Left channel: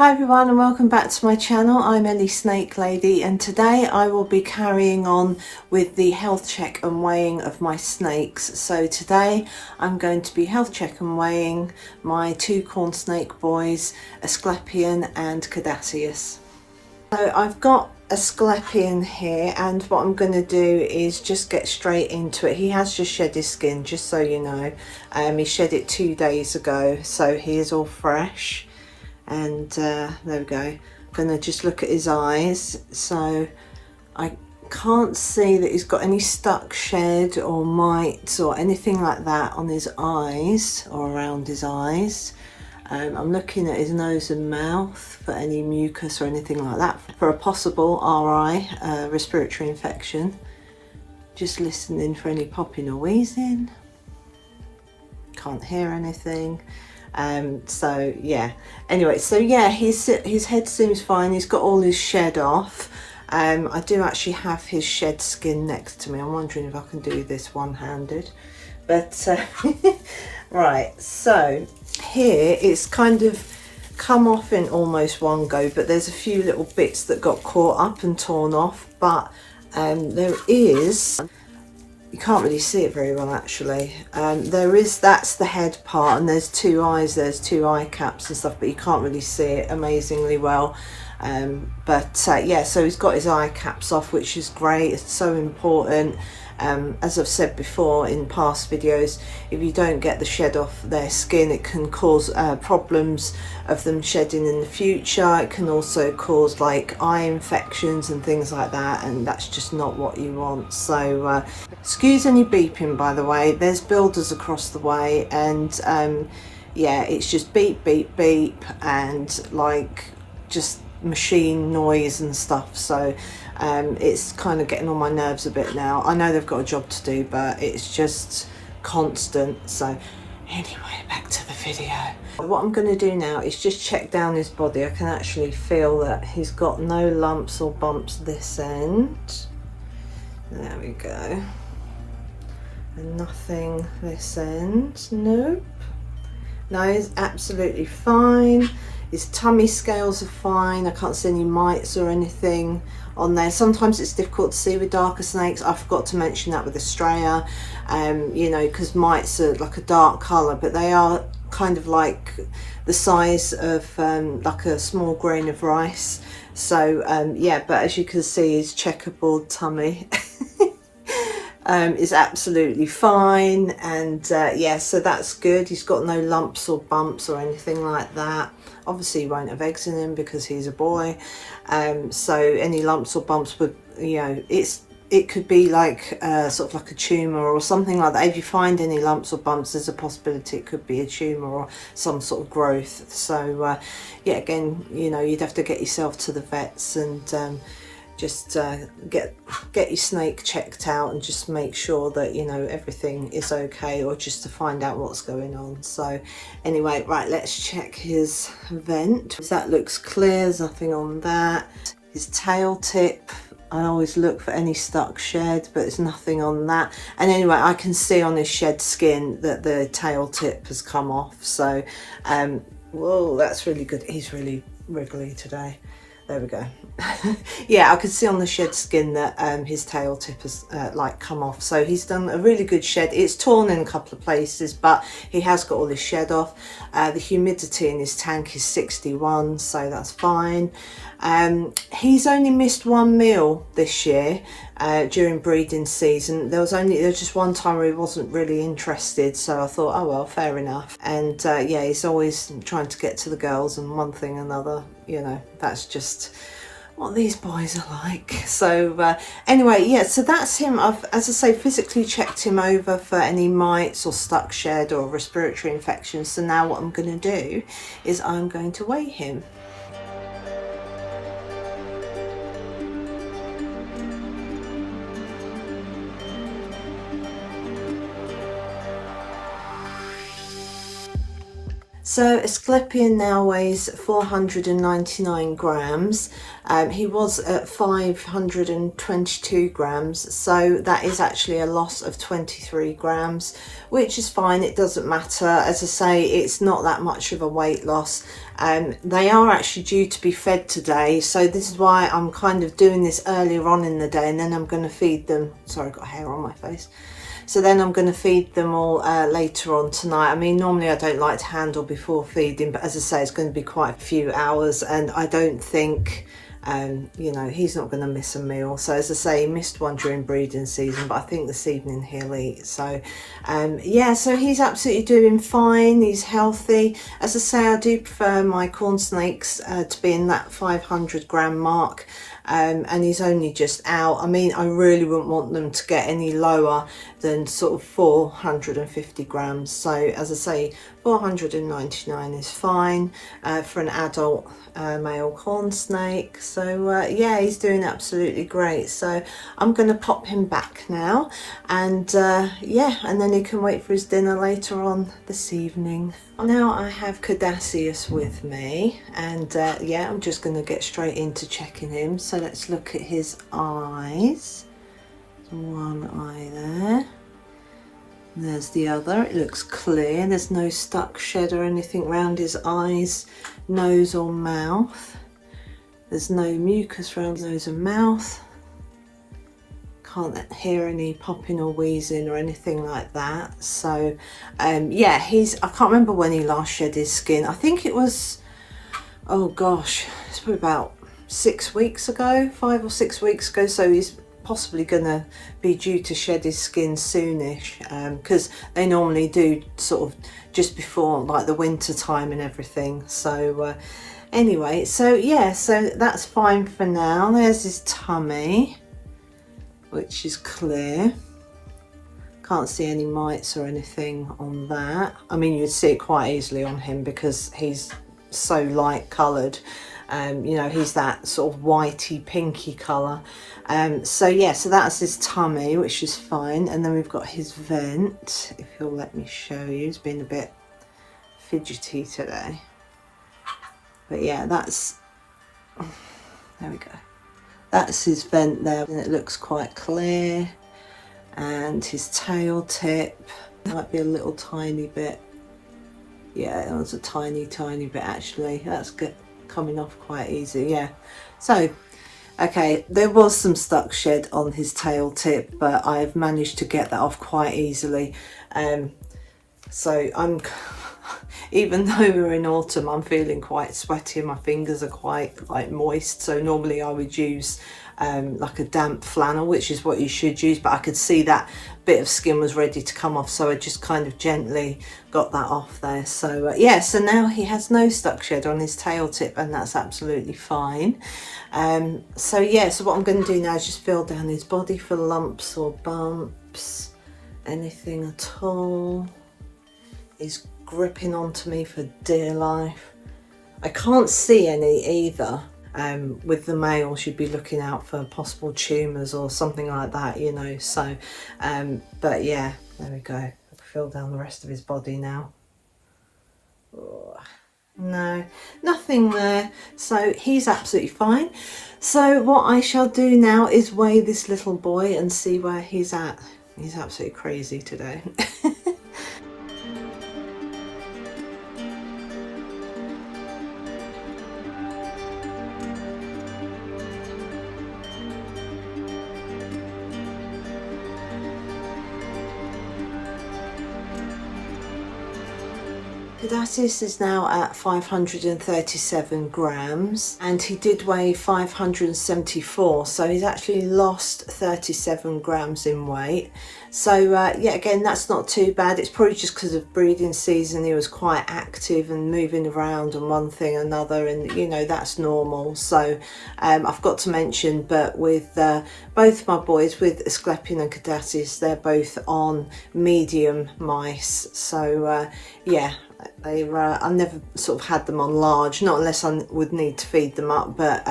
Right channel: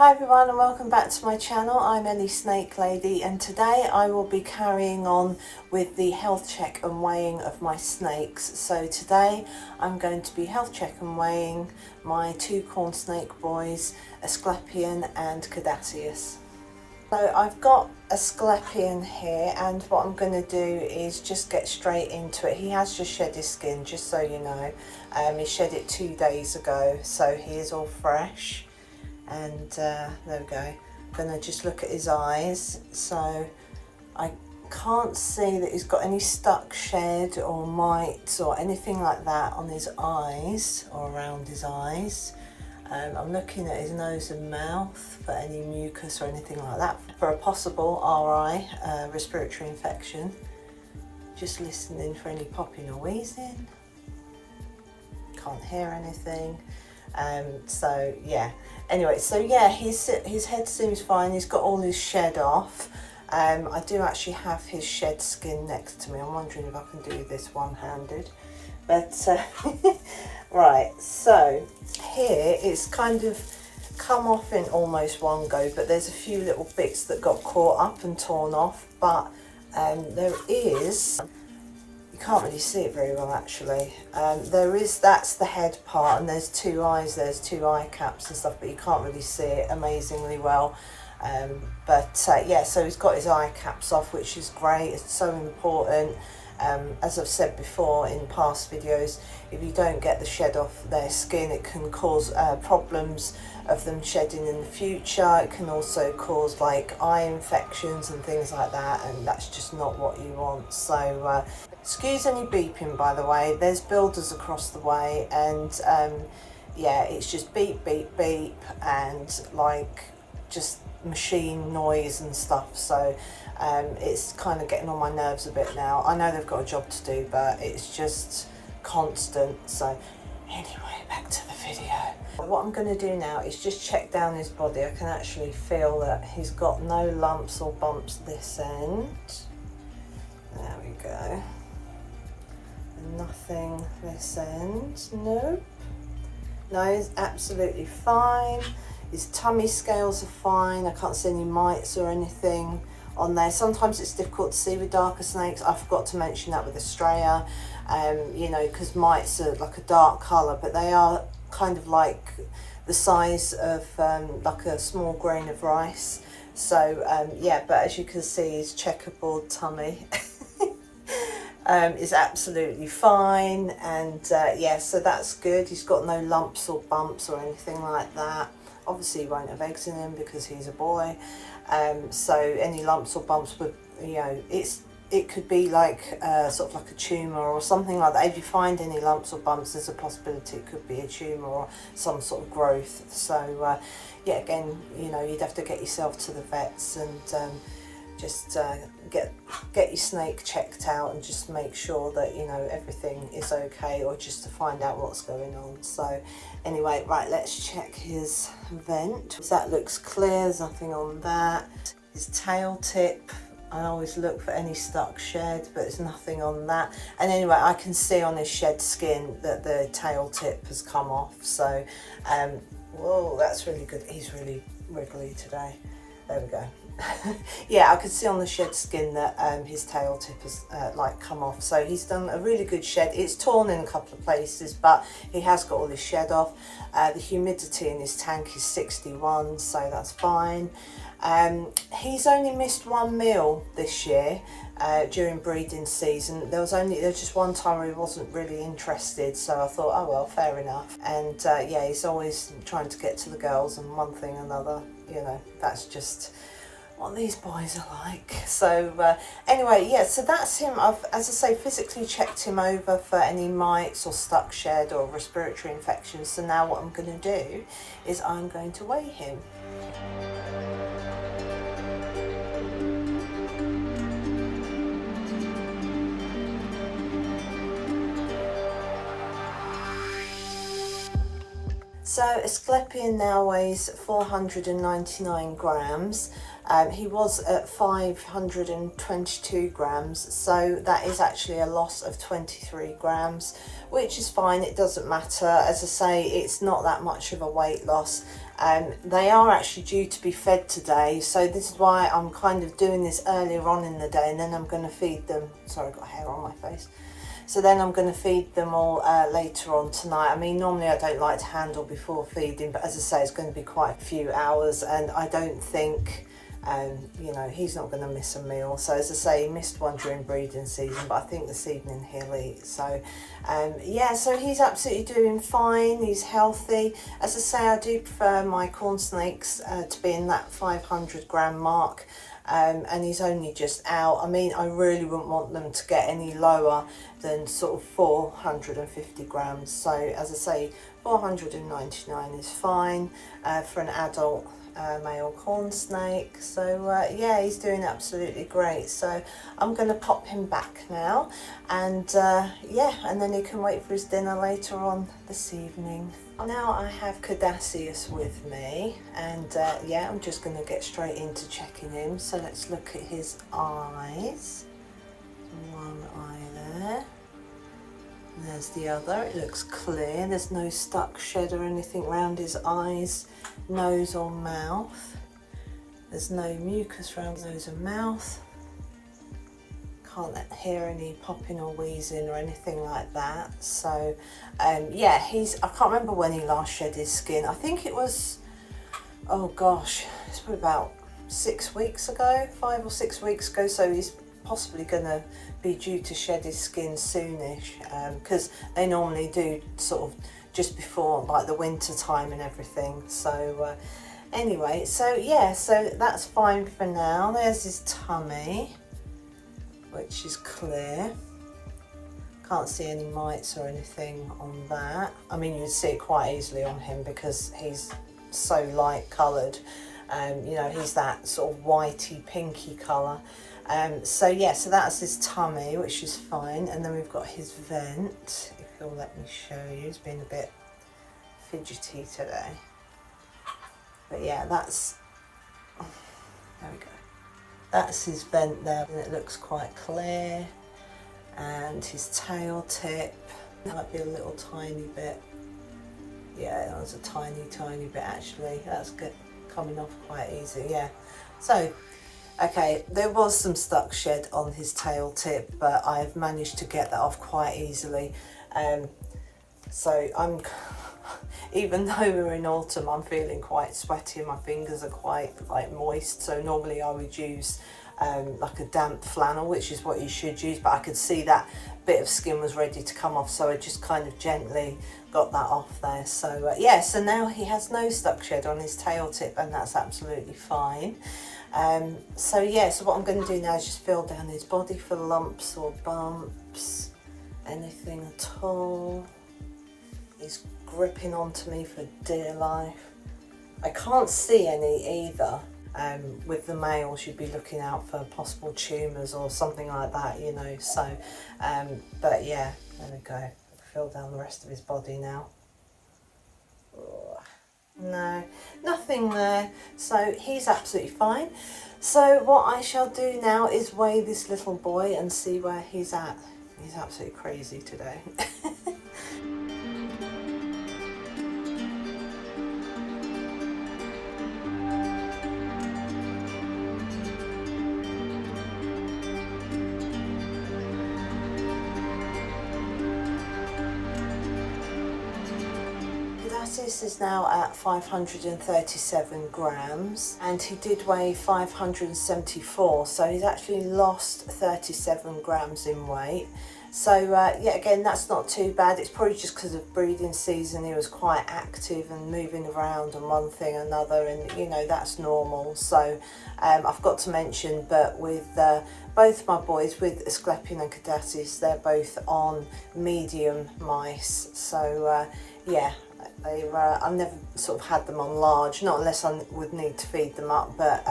Hi everyone and welcome back to my channel. I'm Ellie Snake Lady, and today I will be carrying on with the health check and weighing of my snakes. So today I'm going to be health check and weighing my two corn snake boys, Asclepion and Caduceus. So I've got Asclepion here, and what I'm going to do is just get straight into it. He has just shed his skin, just so you know. He shed it 2 days ago, so he is all fresh. And there we go. I'm gonna just look at his eyes. So I can't see that he's got any stuck shed or mites or anything like that on his eyes or around his eyes. I'm looking at his nose and mouth for any mucus or anything like that, for a possible RI, respiratory infection. Just listening for any popping or wheezing. Can't hear anything. So yeah, anyway, so yeah, his head seems fine. He's got all his shed off. I do actually have his shed skin next to me. I'm wondering if I can do this one-handed, but right, so here it's kind of come off in almost one go, but there's a few little bits that got caught up and torn off, but there is, you can't really see it very well actually. That's the head part, and there's two eyes, there's two eye caps and stuff, but you can't really see it amazingly well. Yeah, so he's got his eye caps off, which is great. It's so important. As I've said before in past videos, if you don't get the shed off their skin, it can cause problems of them shedding in the future. It can also cause like eye infections and things like that, and that's just not what you want. So excuse any beeping, by the way. There's builders across the way, and yeah, it's just beep beep beep and like just machine noise and stuff. So it's kind of getting on my nerves a bit now. I know they've got a job to do, but it's just constant. So anyway, back to the video. What I'm going to do now is just check down his body. I can actually feel that he's got no lumps or bumps this end. There we go. And nothing this end. Nope. No, he's absolutely fine. His tummy scales are fine. I can't see any mites or anything on there. Sometimes it's difficult to see with darker snakes. I forgot to mention that with Australia, you know, because mites are like a dark colour, but they are kind of like the size of like a small grain of rice. So yeah, but as you can see, his checkerboard tummy is absolutely fine, and yeah, so that's good. He's got no lumps or bumps or anything like that. Obviously he won't have eggs in him because he's a boy, so any lumps or bumps would, you know, it could be like sort of like a tumour or something like that. If you find any lumps or bumps, there's a possibility it could be a tumour or some sort of growth. So yeah, again, you know, you'd have to get yourself to the vets and just get your snake checked out and just make sure that, you know, everything is okay, or just to find out what's going on. So anyway, right, let's check his vent. That looks clear, there's nothing on that. His tail tip, I always look for any stuck shed, but there's nothing on that. And anyway, I can see on his shed skin that the tail tip has come off. So whoa, that's really good. He's really wriggly today. There we go. Yeah, I could see on the shed skin that his tail tip has like come off. So he's done a really good shed. It's torn in a couple of places, but he has got all his shed off. The humidity in his tank is 61, so that's fine. He's only missed one meal this year during breeding season. There was just one time where he wasn't really interested, so I thought, oh well, fair enough. And yeah, he's always trying to get to the girls, and one thing or another, you know, that's just what these boys are like. So anyway, yeah, so that's him. I've, as I say, physically checked him over for any mites or stuck shed or respiratory infections. So now what I'm going to do is I'm going to weigh him. So Asclepion now weighs 499 grams. He was at 522 grams, so that is actually a loss of 23 grams, which is fine. It doesn't matter. As I say, it's not that much of a weight loss. They are actually due to be fed today, so this is why I'm kind of doing this earlier on in the day, and then I'm going to feed them. Sorry, I've got hair on my face. So then I'm going to feed them all later on tonight. I mean, normally I don't like to handle before feeding, but as I say, it's going to be quite a few hours, and I don't think, you know, he's not going to miss a meal. So as I say, he missed one during breeding season, but I think this evening he'll eat. So yeah, so he's absolutely doing fine. He's healthy. As I say, I do prefer my corn snakes to be in that 500 gram mark. And he's only just out. I mean, I really wouldn't want them to get any lower than sort of 450 grams. So as I say, 499 is fine for an adult male corn snake. So yeah, he's doing absolutely great. So I'm going to pop him back now, and yeah, and then he can wait for his dinner later on this evening. Now I have Caduceus with me, and yeah, I'm just going to get straight into checking him. So let's look at his eyes. One eye there. There's the other. It looks clear. There's no stuck shed or anything around his eyes, nose or mouth. There's no mucus around nose and mouth. Can't hear any popping or wheezing or anything like that. So yeah, I can't remember when he last shed his skin. I think it was, oh gosh, it's probably about 6 weeks ago, 5 or 6 weeks ago. So he's possibly gonna be due to shed his skin soonish, because they normally do sort of just before like the winter time and everything. So anyway, so yeah, so that's fine for now. There's his tummy, which is clear. Can't see any mites or anything on that. I mean, you'd see it quite easily on him because he's so light coloured. You know, he's that sort of whitey pinky colour. So yeah, so that's his tummy, which is fine. And then we've got his vent, if he'll let me show you. He's been a bit fidgety today. But yeah, that's, there we go. That's his vent there, and it looks quite clear. And his tail tip might be a little tiny bit. Yeah, it was a tiny bit actually. That's good, coming off quite easy. Yeah. So okay, there was some stuck shed on his tail tip, but I've managed to get that off quite easily. So I'm, even though we're in autumn, I'm feeling quite sweaty and my fingers are quite like moist. So normally I would use like a damp flannel, which is what you should use, but I could see that bit of skin was ready to come off, so I just kind of gently got that off there. So yeah, so now he has no stuck shed on his tail tip, and that's absolutely fine. So yeah, so what I'm going to do now is just feel down his body for lumps or bumps, anything at all. He's gripping onto me for dear life. I can't see any either. With the males, you'd be looking out for possible tumours or something like that, you know. So but yeah, there we go. I can feel down the rest of his body now. Oh, no, nothing there. So he's absolutely fine. So what I shall do now is weigh this little boy and see where he's at. He's absolutely crazy today. Caduceus is now at 537 grams, and he did weigh 574, so he's actually lost 37 grams in weight. So yeah, again, that's not too bad. It's probably just because of breeding season. He was quite active and moving around and one thing another, and you know, that's normal. So I've got to mention, but with both my boys, with Asclepion and Caduceus, they're both on medium mice. So yeah, I've never sort of had them on large, not unless I would need to feed them up, but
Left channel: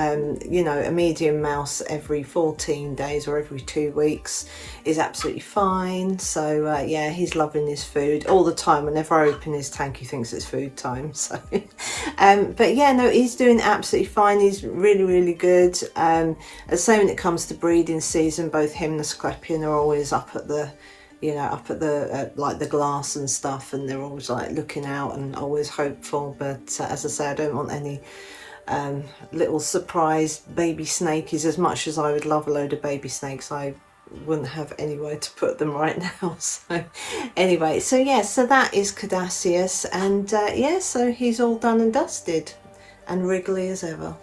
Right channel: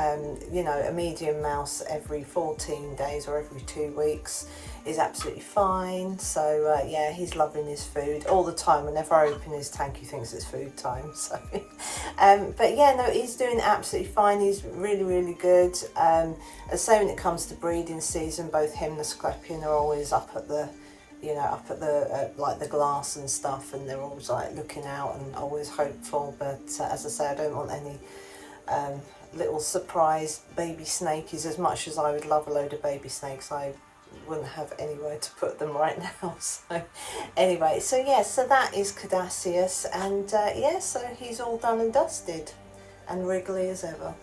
you know, a medium mouse every 14 days or every 2 weeks is absolutely fine. So yeah, he's loving his food all the time. Whenever I open his tank, he thinks it's food time. So but yeah, no, he's doing absolutely fine. He's really good. As I say, when it comes to breeding season, both him and the Scrapian are always up at the, you know, up at the like the glass and stuff, and they're always like looking out and always hopeful. But as I say, I don't want any little surprise baby snakies. As much as I would love a load of baby snakes, I wouldn't have anywhere to put them right now. So anyway, so yeah, so that is Caduceus, and yeah, so he's all done and dusted and wriggly as ever.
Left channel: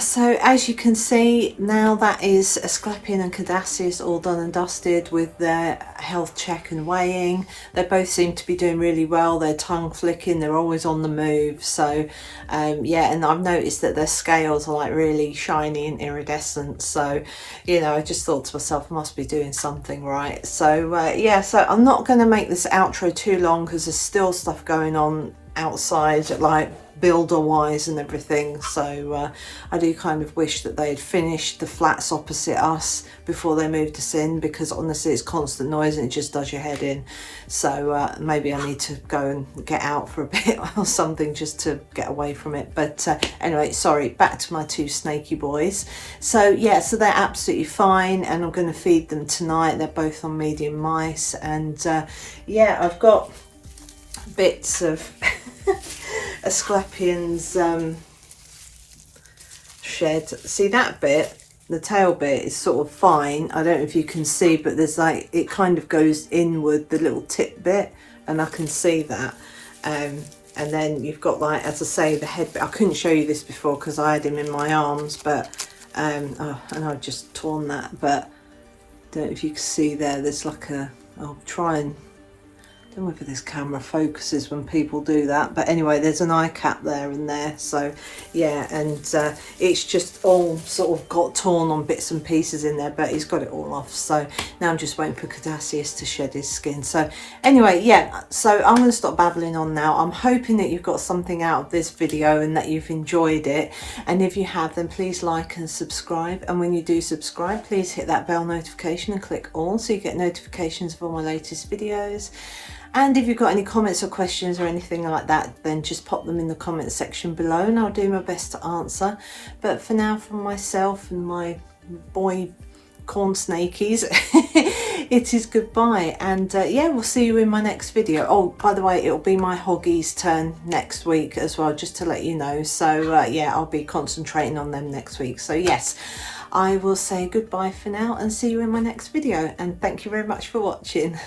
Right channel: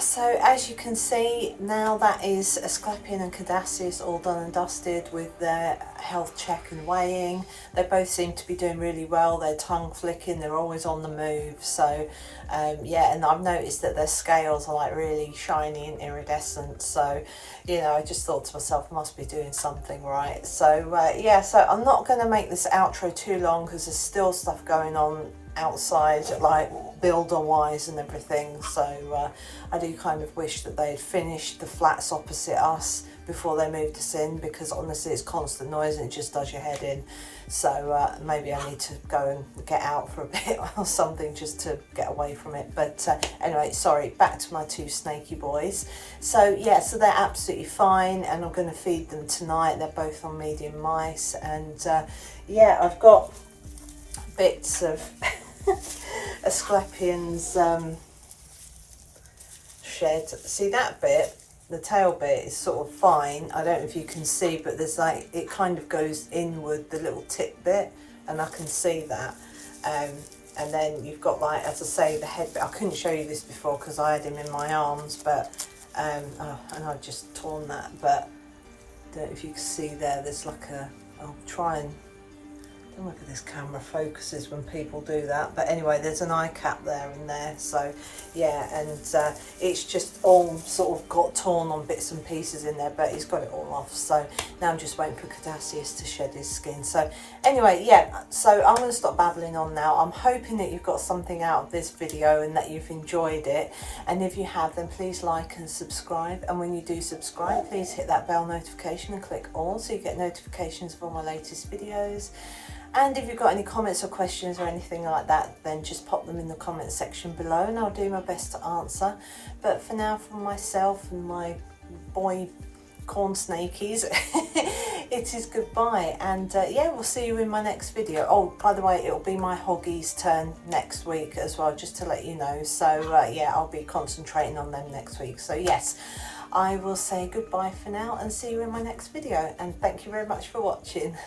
So as you can see now, that is Asclepion and Caduceus all done and dusted with their health check and weighing. They both seem to be doing really well. They're tongue flicking, they're always on the move. So yeah, and I've noticed that their scales are like really shiny and iridescent. So, you know, I just thought to myself, I must be doing something right. So yeah, so I'm not going to make this outro too long because there's still stuff going on outside, like builder wise and everything. So I do kind of wish that they had finished the flats opposite us before they moved us in, because honestly it's constant noise and it just does your head in. So maybe I need to go and get out for a bit or something just to get away from it. But anyway, sorry, back to my two snaky boys. So yeah, so they're absolutely fine, and I'm going to feed them tonight. They're both on medium mice, and yeah, I've got bits of Asclepion's shed. See that bit, the tail bit is sort of fine. I don't know if you can see, but there's like, it kind of goes inward, the little tip bit, and I can see that. And then you've got, like, as I say, the head bit. I couldn't show you this before because I had him in my arms, but oh, and I've just torn that. But I don't know if you can see there's like a, I'll try and, I don't know whether this camera focuses when people do that, but anyway, there's an eye cap there and there. So yeah, and it's just all sort of got torn on bits and pieces in there, but he's got it all off. So now I'm just waiting for Caduceus to shed his skin. So anyway, yeah, so I'm going to stop babbling on now. I'm hoping that you've got something out of this video and that you've enjoyed it, and if you have, then please like and subscribe. And when you do subscribe, please hit that bell notification and click all so you get notifications of all my latest videos. And if you've got any comments or questions or anything like that, then just pop them in the comment section below and I'll do my best to answer. But for now, from myself and my boy corn snakies, it is goodbye. And yeah, we'll see you in my next video. Oh, by the way, it'll be my hoggies' turn next week as well, just to let you know. So yeah, I'll be concentrating on them next week. So yes, I will say goodbye for now and see you in my next video. And thank you very much for watching.